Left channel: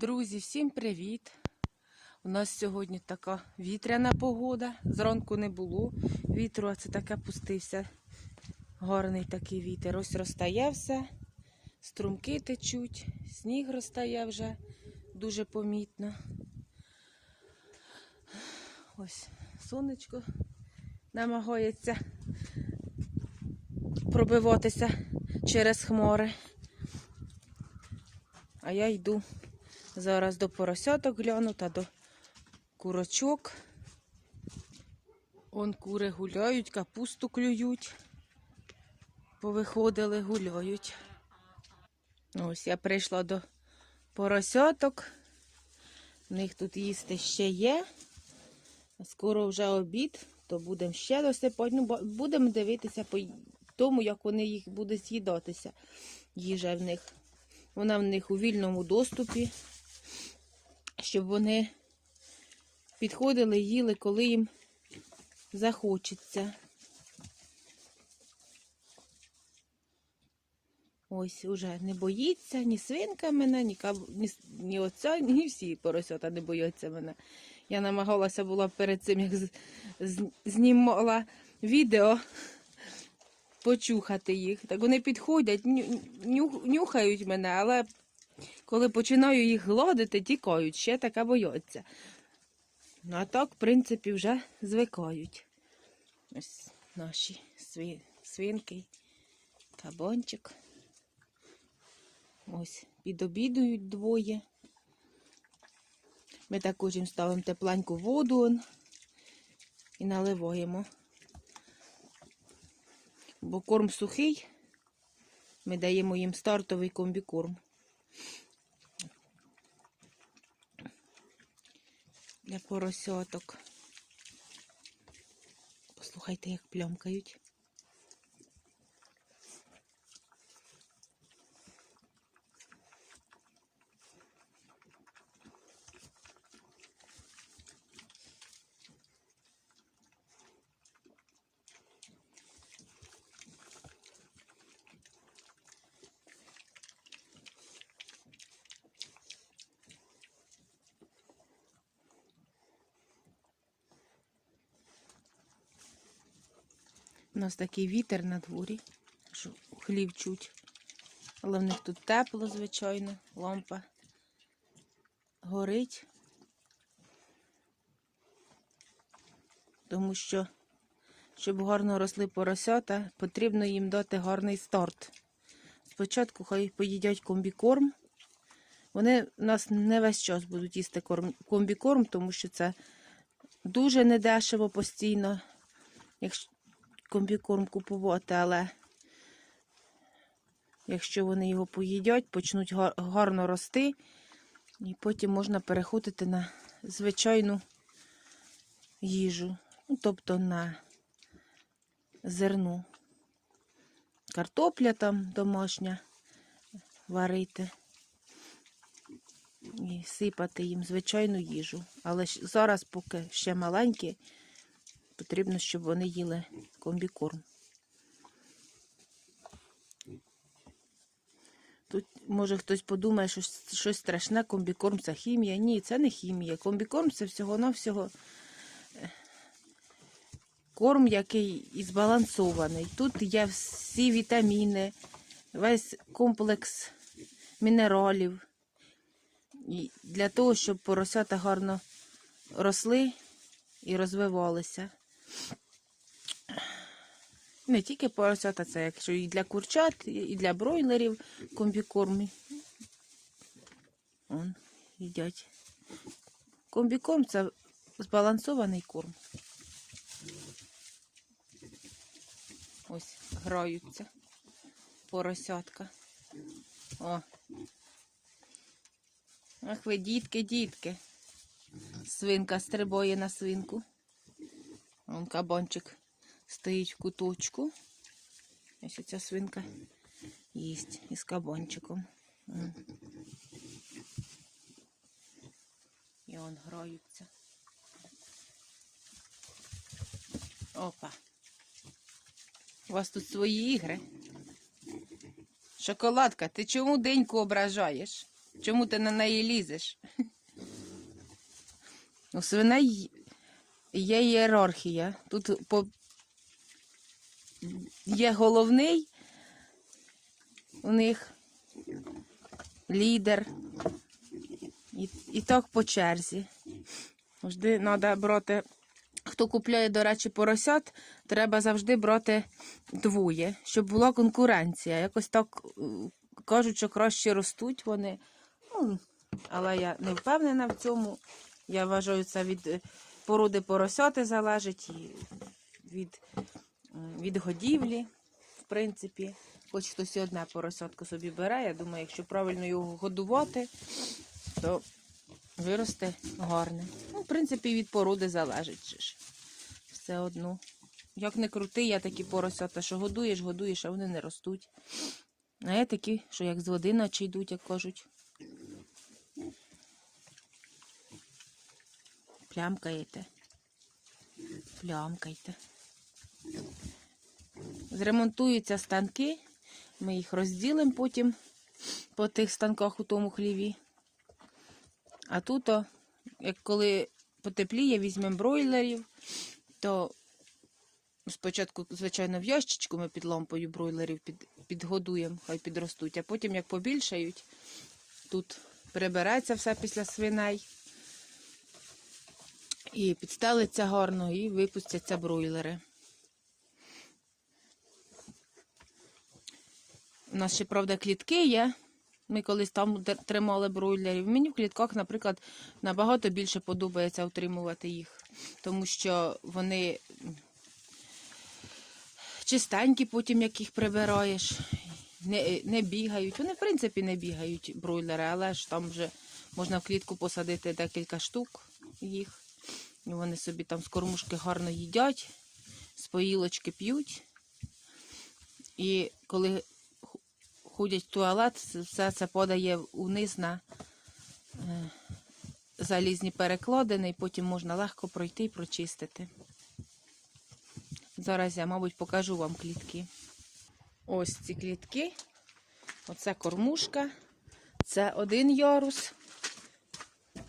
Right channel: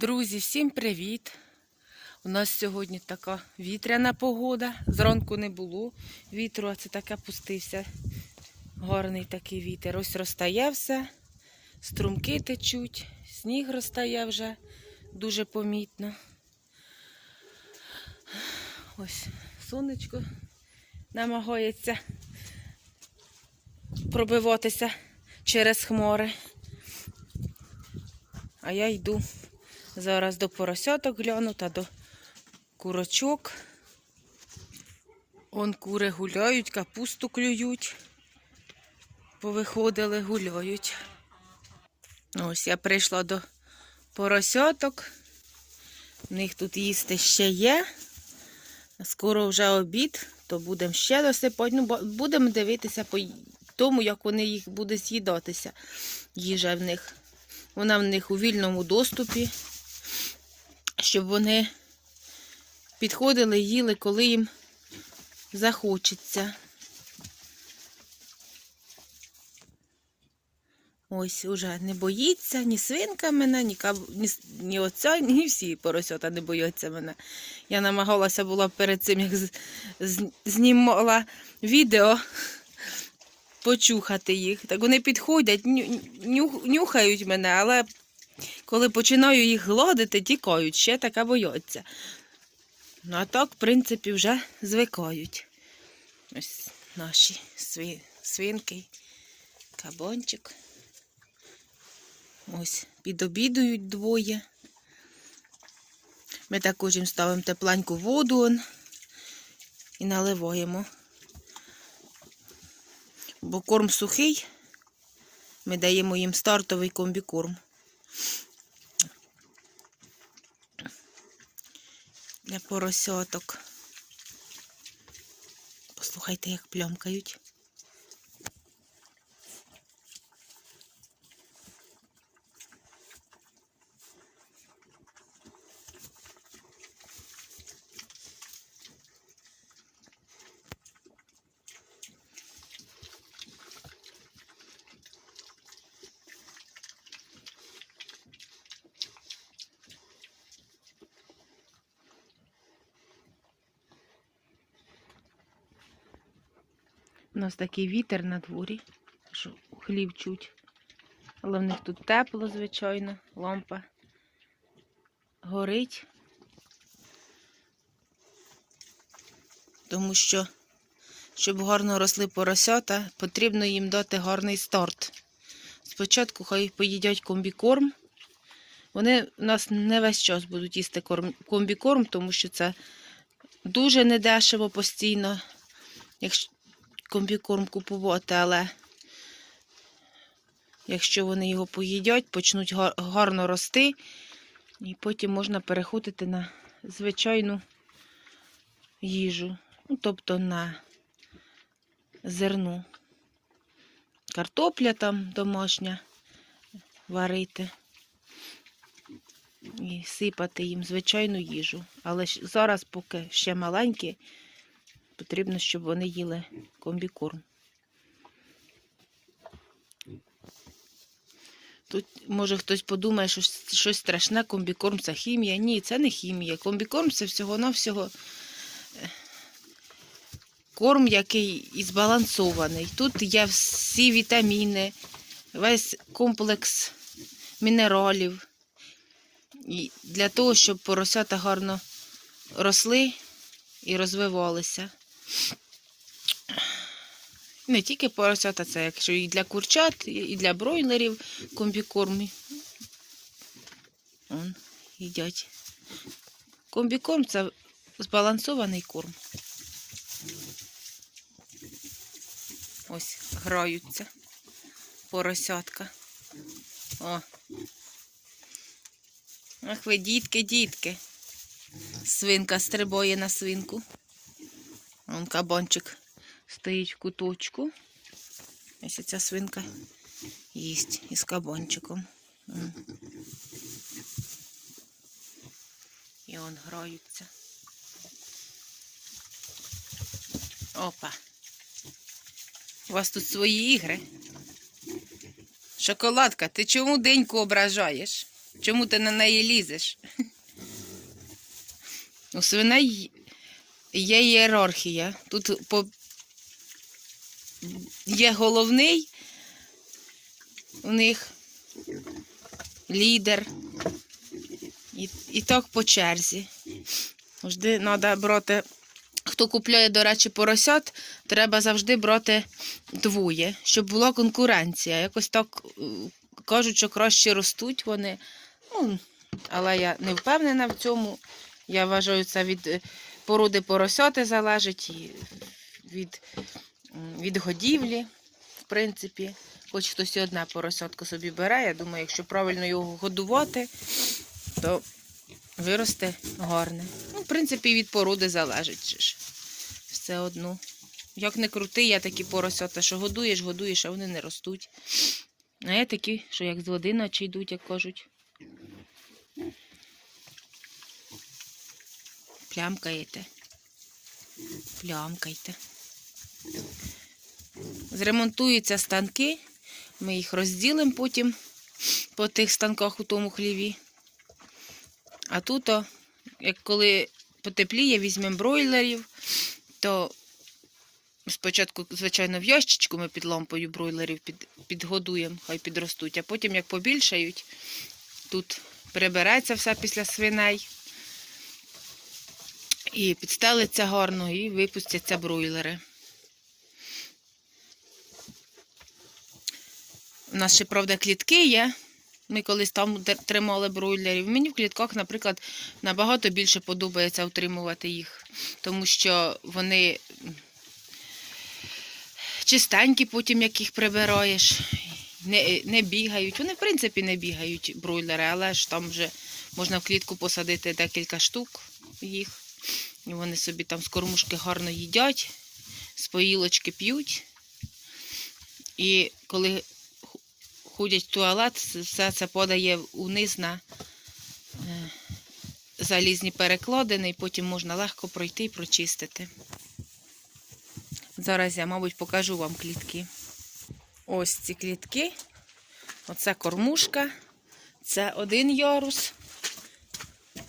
Друзі, всім привіт! У нас сьогодні така вітряна погода. Зранку не було вітру, а це таке пустився. Гарний такий вітер. Ось розтає все, струмки течуть, сніг розтає вже дуже помітно. Ось сонечко намагається пробиватися через хмари. А я йду зараз до поросяток гляну та до курочок. Он кури гуляють, капусту клюють. Повиходили, гуляють. Ну, Ось я прийшла до поросяток. У них тут їсти ще є. Скоро вже обід, то будемо ще досипати. Ну, будемо дивитися по тому, як вони їх будуть з'їдатися. Їжа в них. Вона в них у вільному доступі, щоб вони підходили, їли, коли їм захочеться. Ось уже не боїться ні свинка мене, ні, каб... ні, ні оця, ні всі поросята не бояться мене. Я намагалася була перед цим, як з... з- знімала відео, почухати їх. Так вони підходять, ню... нюхають мене, але коли починаю їх гладити, тікають, ще така бояться. Ну, а так, в принципі, вже звикають. Ось наші свинки, кабанчик. Ось, підобідують двоє. Ми також їм ставимо тепленьку воду і наливаємо. Бо корм сухий, ми даємо їм стартовий комбікорм. Для поросяток. Послухайте, як плямкають. У нас такий вітер на дворі, що хлів чуть. Але в них тут тепло, звичайно, лампа горить. Тому що, щоб гарно росли поросята, потрібно їм дати гарний старт. Спочатку хай поїдять комбікорм. Вони у нас не весь час будуть їсти комбікорм, тому що це дуже недешево постійно. Якщо комбікорм купувати, але якщо вони його поїдять, почнуть гарно рости, і потім можна переходити на звичайну їжу, ну, тобто на зерно. Картопля там домашня варити і сипати їм звичайну їжу. Але зараз, поки ще маленькі, потрібно, щоб вони їли комбікорм. Тут, може, хтось подумає, що щось- страшне, комбікорм це хімія. Ні, це не хімія. Комбікорм це всього-навсього е, корм, який і збалансований. Тут є всі вітаміни, весь комплекс мінералів. І для того, щоб поросята гарно росли і розвивалися. Не тільки поросята, це якщо і для курчат, і- для бройлерів комбікорм. Он, їдять. Комбікорм це збалансований корм. Ось граються поросятка. О. Ах ви, дітки, дітки. Свинка стрибає на свинку. Вон кабанчик стоїть в куточку. Ось ця свинка їсть із кабанчиком. І он граються. Опа. У вас тут свої ігри. Шоколадка, ти чому деньку ображаєш? Чому ти на неї лізеш? У свиней є ієрархія. Тут по... є головний у них лідер. І, і так по черзі. Завжди треба брати. Хто купляє, до речі, поросят, треба завжди брати двоє, щоб була конкуренція. Якось так е, кажуть, що краще ростуть вони. Ну, але я не впевнена в цьому. Я вважаю, це від е, породи поросяти залежить від, від годівлі, в принципі. Хоч хтось і одне поросятко собі бере. Я думаю, якщо правильно його годувати, то виросте гарне. Ну, в принципі, від породи залежить. ж. Все одно. Як не крути, є такі поросята, що годуєш, годуєш, а вони не ростуть. А є такі, що як з води наче йдуть, як кажуть. Плямкаєте. Плямкайте. Зремонтуються станки. Ми їх розділимо потім по тих станках у тому хліві. А тут, як коли потепліє, візьмемо бройлерів, то спочатку, звичайно, в ящичку ми під лампою бройлерів під, підгодуємо, хай підростуть, а потім, як побільшають, тут прибереться все після свиней. І підстелиться гарно, і випустяться бройлери. У нас ще, правда, клітки є. Ми колись там тримали бройлерів. Мені в клітках, наприклад, набагато більше подобається утримувати їх, тому що вони чистенькі, потім як їх прибираєш, не, не бігають. Вони, в принципі, не бігають бройлери, але ж там вже можна в клітку посадити декілька штук їх. І вони собі там з кормушки гарно їдять, з поїлочки п'ють. І коли ходять в туалет, все це подає униз на е, залізні перекладини, і потім можна легко пройти і прочистити. Зараз я, мабуть, покажу вам клітки. Ось ці клітки. Оце кормушка. Це один ярус,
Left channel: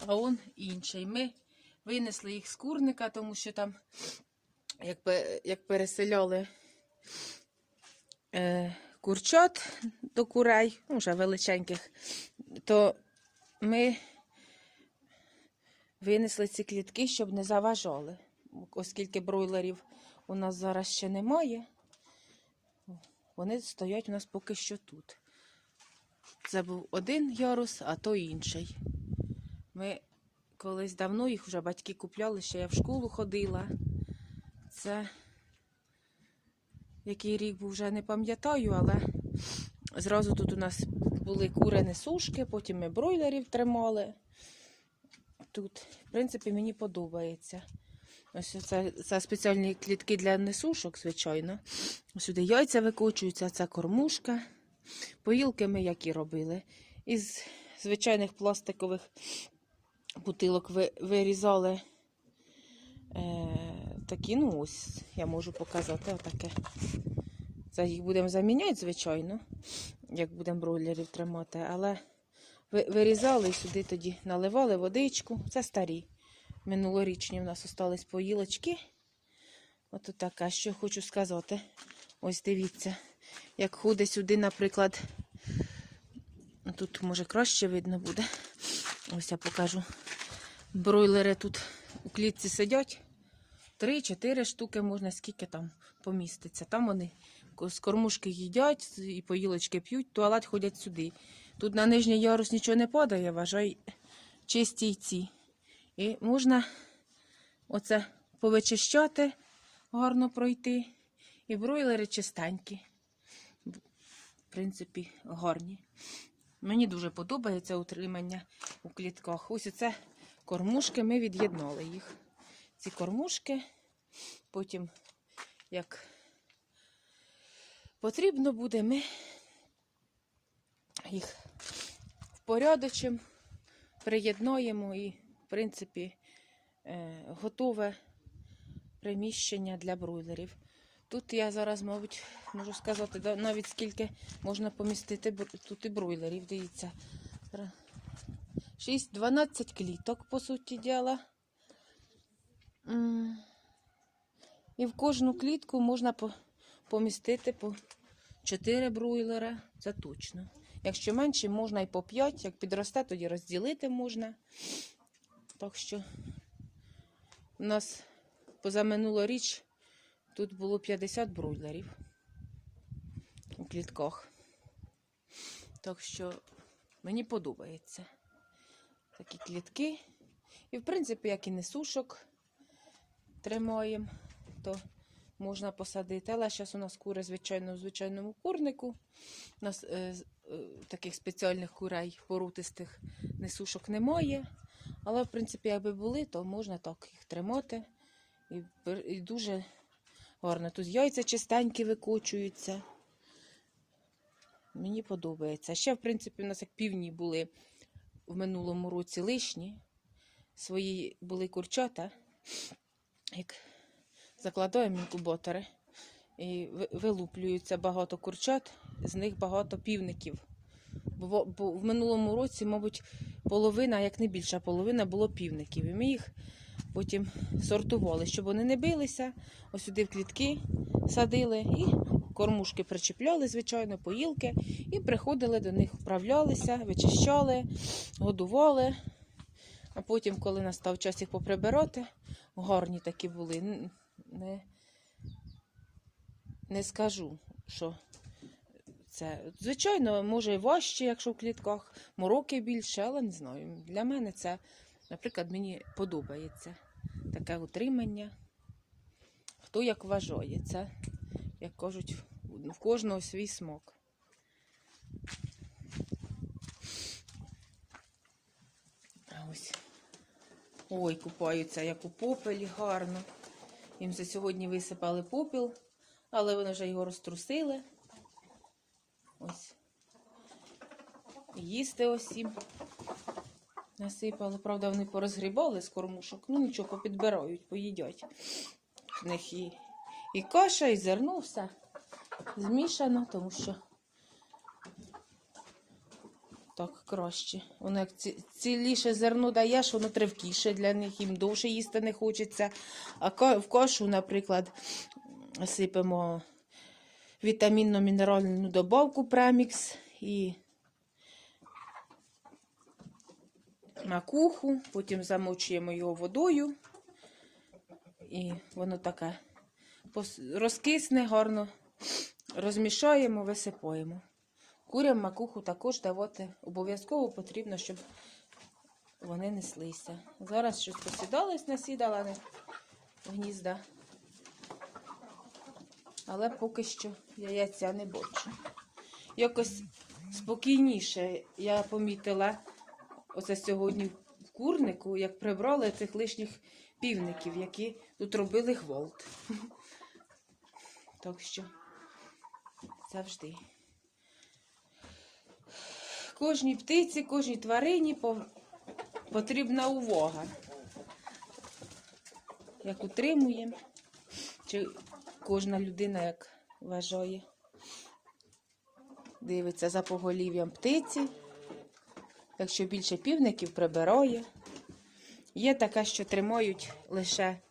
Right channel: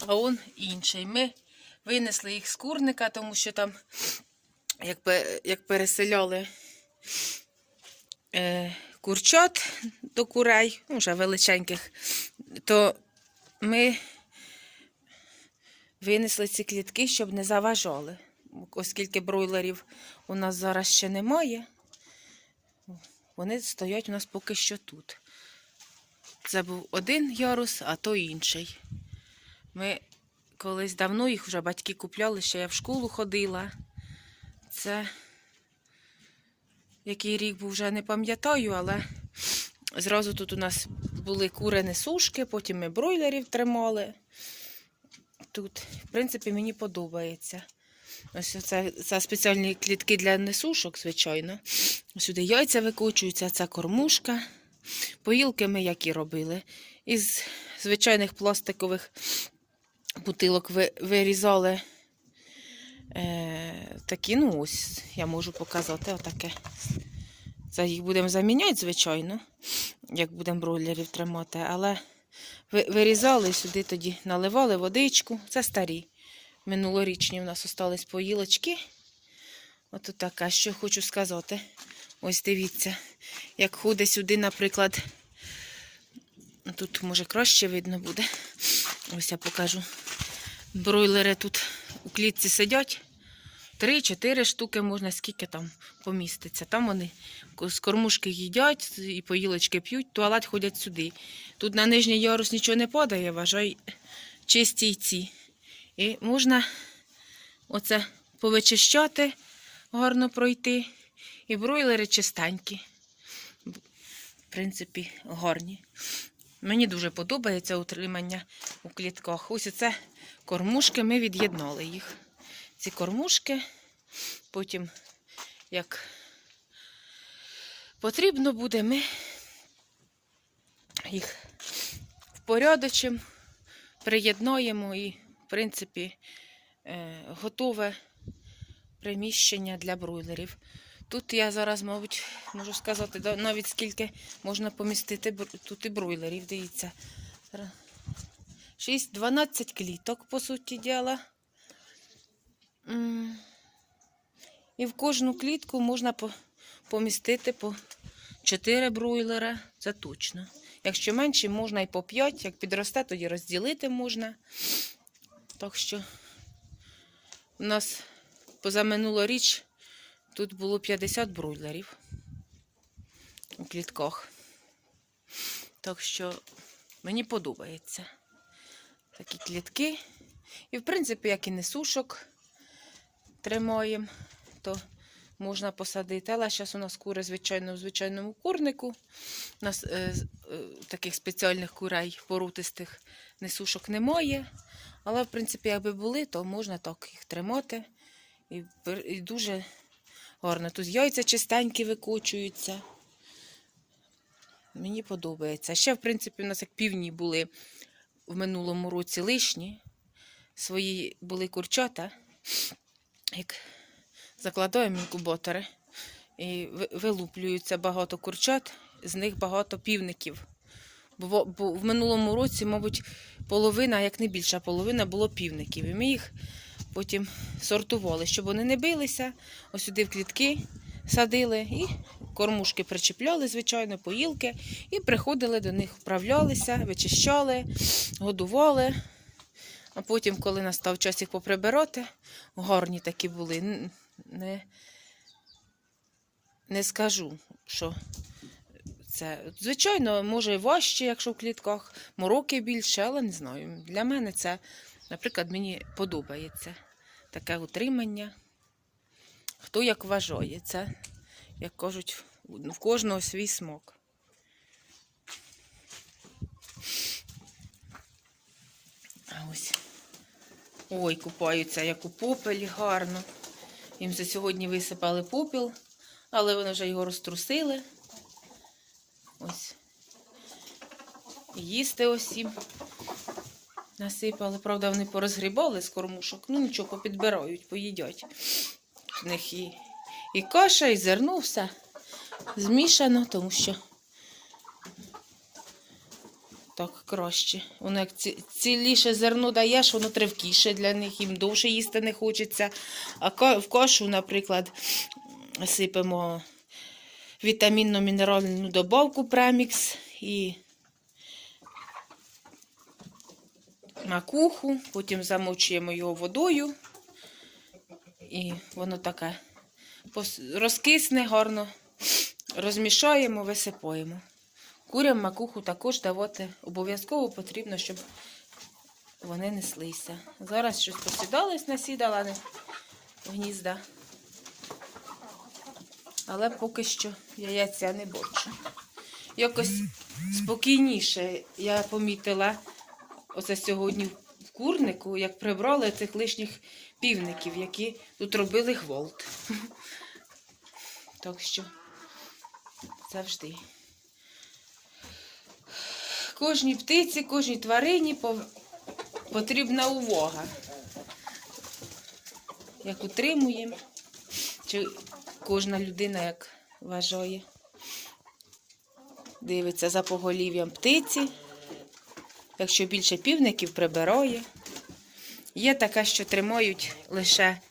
а он інший. Ми винесли їх з курника, тому що там, як, як переселяли е, курчат до курей, ну, вже величеньких, то ми винесли ці клітки, щоб не заважали. Оскільки бройлерів у нас зараз ще немає, вони стоять у нас поки що тут. Це був один ярус, а то інший. Ми колись давно їх вже батьки купляли, ще я в школу ходила. Це який рік був вже не пам'ятаю, але зразу тут у нас були кури несушки, потім ми бройлерів тримали. Тут, в принципі, мені подобається. Ось це, це спеціальні клітки для несушок, звичайно. Сюди яйця викочуються, це кормушка. Поїлки ми які робили. Із звичайних пластикових бутилок ви- вирізали е, такі, ну ось, я можу показати отаке. Це їх будемо заміняти, звичайно, як будемо бройлерів тримати, але ви- вирізали сюди тоді, наливали водичку. Це старі. Минулорічні в нас остались поїлочки. Ото така, що хочу сказати. Ось дивіться, як ходить сюди, наприклад, тут може краще видно буде. Ось я покажу. Бройлери тут у клітці сидять. Три-чотири штуки можна, скільки там поміститься. Там вони з кормушки їдять і поїлочки п'ють, туалет ходять сюди. Тут на нижній ярус нічого не падає, вважай, чисті й ці. І можна оце повичищати, гарно пройти. І бройлери чистенькі. В принципі, гарні. Мені дуже подобається утримання у клітках. Ось оце кормушки, ми від'єднали їх. Ці кормушки, потім, як потрібно буде, ми їх впорядочимо, приєднаємо і, в принципі, е, готове приміщення для бройлерів. Тут я зараз, мабуть, можу сказати, навіть скільки можна помістити тут і бройлерів. Дивіться. 6-12 кліток, по суті діла. І в кожну клітку можна помістити по 4 бройлера, це точно. Якщо менше, можна і по 5, як підросте, тоді розділити можна. Так що у нас позаминулоріч тут було 50 бройлерів у клітках. Так що мені подобається такі клітки. І, в принципі, як і несушок тримаємо, то можна посадити. Але зараз у нас кури, звичайно, в звичайному курнику. У нас е, е, таких спеціальних курей порутистих несушок немає. Але, в принципі, якби були, то можна так їх тримати. І, і дуже гарно. Тут яйця чистенькі викучуються. Мені подобається. Ще, в принципі, у нас як півні були в минулому році лишні. Свої були курчата, як закладаємо інкубатори. І вилуплюються багато курчат, з них багато півників. Бо, в минулому році, мабуть, половина, як не більша половина, було півників. І ми їх потім сортували, щоб вони не билися. Ось сюди в клітки садили і кормушки причіпляли, звичайно, поїлки, і приходили до них, вправлялися, вичищали, годували. А потім, коли настав час їх поприбирати, гарні такі були. Не, не скажу, що це. Звичайно, може важче, якщо в клітках, мороки більше, але не знаю. Для мене це, наприклад, мені подобається таке утримання. Хто як вважає, це, як кажуть, в кожного свій смак. А ось. Ой, купаються, як у попелі, гарно. Їм за сьогодні висипали попіл, але вони вже його розтрусили. Ось. Їсти ось їм насипали. Правда, вони порозгрібали з кормушок. Ну нічого, попідбирають, поїдять. В них і, і каша, і зерно, все змішано, тому що так краще. Воно як ціліше зерно даєш, воно тривкіше для них, їм довше їсти не хочеться. А в кашу, наприклад, сипемо вітамінно-мінеральну добавку премікс і макуху, потім замочуємо його водою. І воно таке розкисне гарно, розмішаємо, висипаємо. Курям макуху також давати обов'язково потрібно, щоб вони неслися. Зараз щось посідались, насідала в гнізда. Але поки що яйця не бачу. Якось спокійніше я помітила оце сьогодні в курнику, як прибрали цих лишніх півників, які тут робили гвалт. Так що завжди. Кожній птиці, кожній тварині потрібна увага. Як утримуємо, чи кожна людина як вважає. Дивиться за поголів'ям птиці. Якщо більше півників прибирає. Є таке, що тримають лише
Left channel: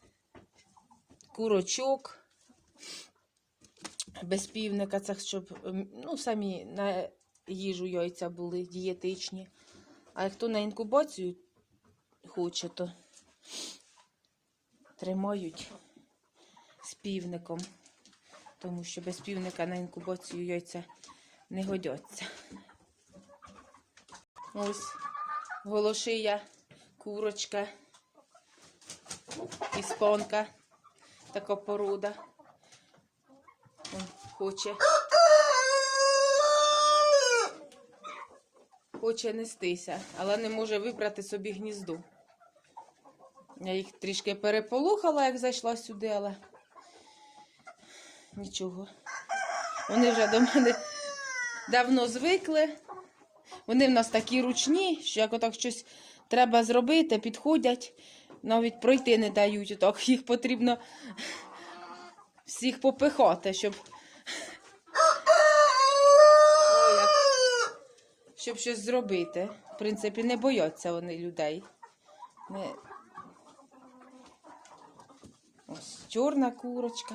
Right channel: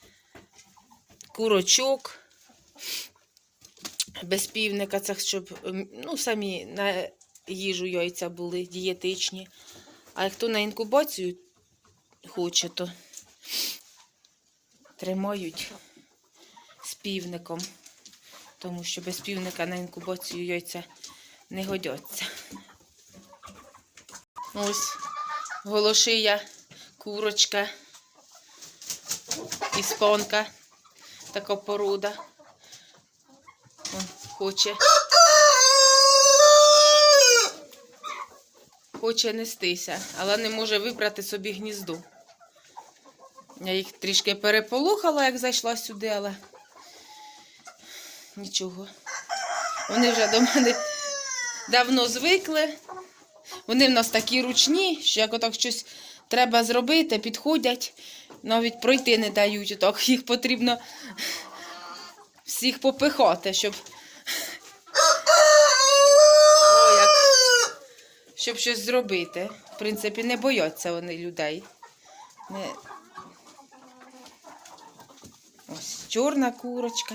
курочок без півника, це щоб ну, самі на їжу яйця були дієтичні. А хто на інкубацію хоче, то тримають з півником. Тому що без півника на інкубацію яйця не годяться. Ось голошия, курочка, іспанка, така порода. Он хоче. Хоче нестися, але не може вибрати собі гніздо. Я їх трішки переполохала, як зайшла сюди, але нічого. Вони вже до мене давно звикли. Вони в нас такі ручні, що як отак щось треба зробити, підходять, навіть пройти не дають. Отак їх потрібно всіх попихати, щоб. Щоб щось зробити. В принципі, не бояться вони людей. Не... Ось чорна курочка.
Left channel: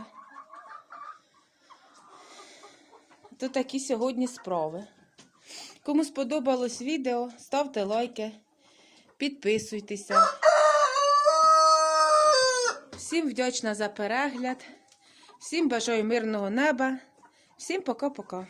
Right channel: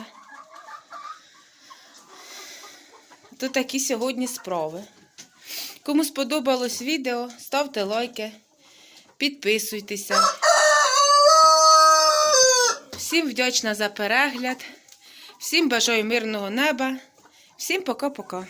То такі сьогодні справи. Кому сподобалось відео, ставте лайки, підписуйтеся. Всім вдячна за перегляд. Всім бажаю мирного неба. Всім пока-пока.